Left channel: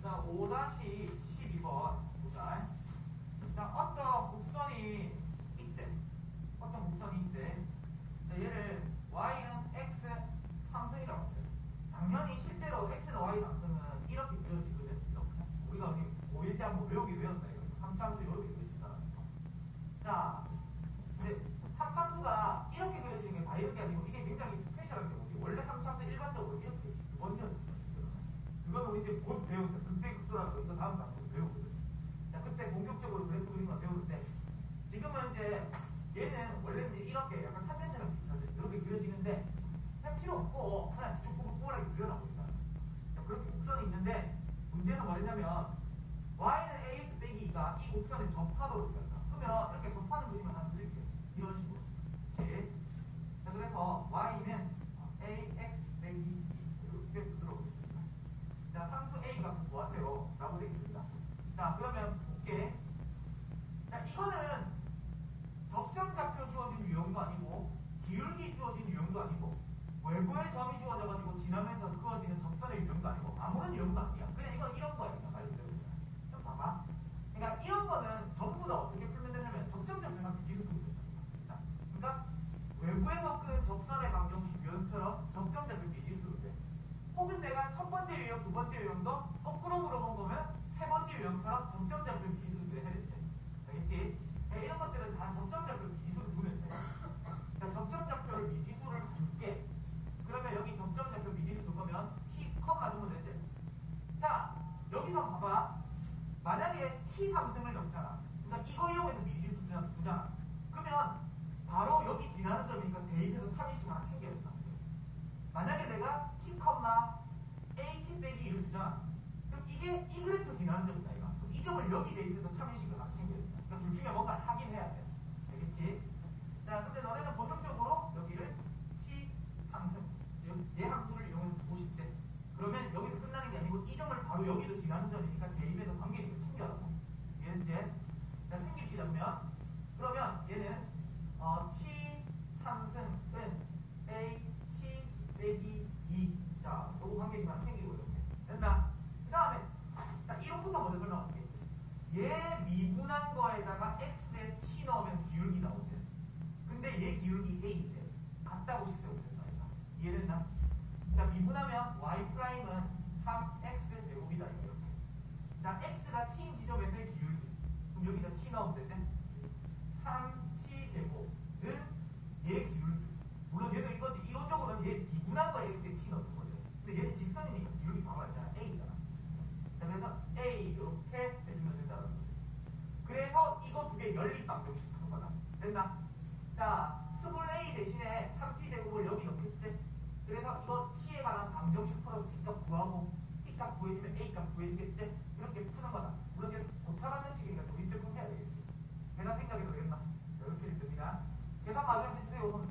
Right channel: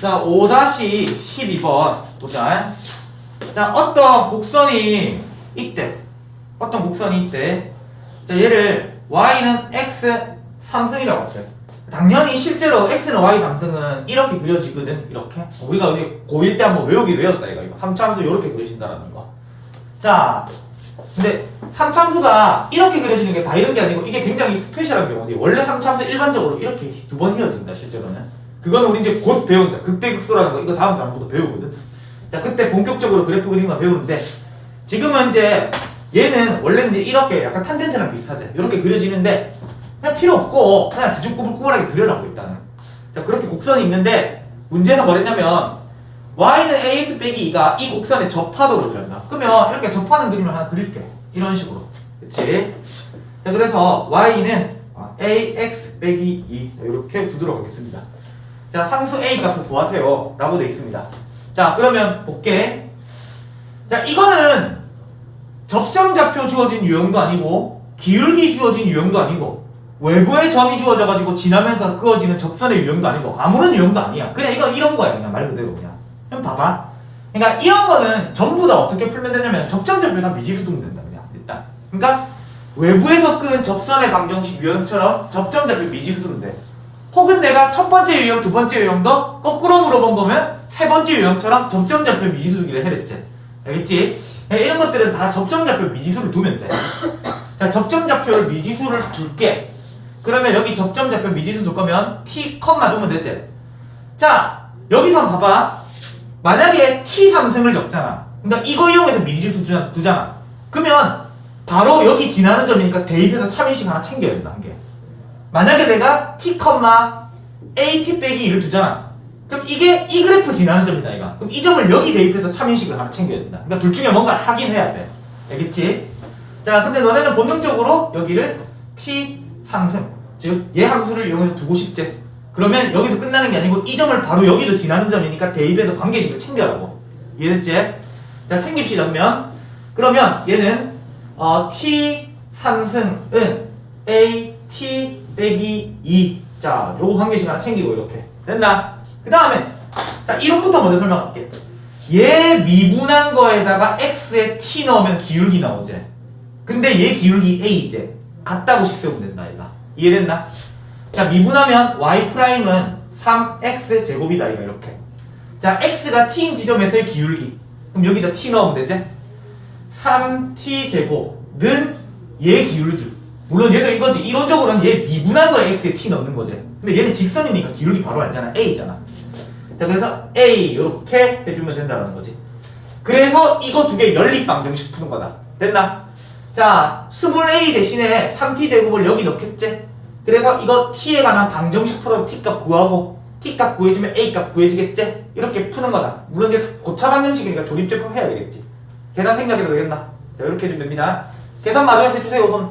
자, 5-12번 보자. 자, 어떤 곡선이 있대. 어떤 곡선이 있대. 자, 얘를 y는 x 3승이라고 할게. 당연히 실제로 x는 y 3승은 이렇게 그려지거든. 이렇게. 우리가 여기 고1 때 한번 외우기 외웠다 이거. 이거. 3참수 이렇게 그려진다는 거. 자, 근데 3참수가 이렇게 그려지는 게 다 이런 게 아니고 이게 굉장히 스페셜한 경우인데 원래 3참수 일반적으로 이렇게 두 번 휘어진다 실제로는 그거는 우리 이제 곧 배운다 극대극소라는 거 이거 다음 단부터 배우거든 자 그때 본격적으로 그래프 그리는 거 배우는데 지금은 이제 얘는 원래는 이제 이렇게 약간 탄젠트랑 비슷하지 이렇게 그려지는데 그냥 필요 없고 그냥 뒤죽구불구불하게 그려라고 일단은 자 그렇게 곡선이 있는데 문제는 뭐랬냐면 y는 ax 빼기 2가 이 곡선에 접하도록 그린다. 그러면 이렇게 접하는 그림을 하나 그릴게. 이런 식으로. 그치? 자, 그래서 y는 ax 빼기 2 이렇게 두도록 하겠습니다. 자, 상수 a 값을 구하세요. 라고 되어 있습니다. 자, 그러면 볼게. 자, 이거는 접점좌표 주어진 유형도 아니고 기울기 주어진 유형도 아니고 외부의 점이 주어져가지고 지나면서 그어지는 접선의 유형도 아니고 아무런 유형도 아니야. 그냥 이거 이런 거야. 그냥 말 그대로 그냥. 그럼 봐봐. 그러니까 이런 거는 전부 다 어떻게 풀면 되냐면 접점좌표에다 미지수 두면 된다. 그냥 일단. 그러니까 외부에서 끄는 접선의 방정식 유형처럼 접점좌표 미지수 두면 돼. 혹은 내가 첫 번째 유형, 두 번째 유형도 거꾸로 물어본 거면 세 번째 유형처럼 접점좌표 미지수 두기를 해랬지. 알겠지? 그러니까 이런 것들은 다 접점좌표 미지수를 두면 돼. 자, 접점좌표를 미지수를 둘게. 그러면 여기 접점좌표 미지수 둘 거면 t 컴마 두면 되지. 자, 여기서 봐봐. 만약에 t 3승을 적잖아. 그러니까 이거 이용해서 미지수 두잖아. 그러면 바로 여기 지나는 점이니까 대입해서 참인식 하나 챙겨야 된다. 한 개. 만약에 내가 t, at 빼기 2를 두잖아. 그럼 이게 이 그래프 지나는 점이다, 이거. 그럼 이 점을 여기 대입해서 참인식을 하나 챙겨야 된다. 그러니까 둘 중에 뭔가를 하긴 해야 돼. 알겠지? 자, 근데 너네는 본능적으로 여기를 t 상승, 즉 얘 함수를 이용해서 두고 싶지. 그러면 여기서 끝나는 게 아니고 이 점을 바로 여기도 지나는 점이니까 대입해서 관계식을 챙겨라고. 이해됐지? 자, 챙깁시다, 그러면. 그러면 얘는 어, t 상승은 a t 빼기 2. 자, 요거 관계식 하나 챙기고 이렇게. 됐나? 그 다음에 자, 이론부터 먼저 설명할게. 얘 미분한 거에다가 x에 t 넣으면 기울기 나오지. 근데 얘 기울기 a이제 같다고 식 세우면 된다 얘가 이해됐나? 자 미분하면 y 프라임은 3x 제곱이다 이거 이렇게 자 x가 t인 지점에서의 기울기 그럼 여기다 t 넣으면 되지? 3t 제곱는 얘 기울기 물론 얘도 이거지 이론적으로는 얘 미분한 거에 x에 t 넣는 거지 근데 얘는 직선이니까 기울기 바로 알잖아 a잖아 자 그래서 a 이렇게 해주면 된다는 거지 그래서 이거 두 개 연립 방정식 푸는 거다 됐나? 자, 스몰 a 대신에 3t 제곱을 여기 넣겠지? 그래서 이거 t에 관한 방정식 풀어서 t 값 구하고 t 값 구해주면 a 값 구해지겠지? 이렇게 푸는 거다. 물론 이제 고차 방정식이니까 조립제품 해야 되겠지. 계산 생각해도 되겠나? 자, 이렇게 해주면 됩니다. 계산 마저 해주세요, 우선.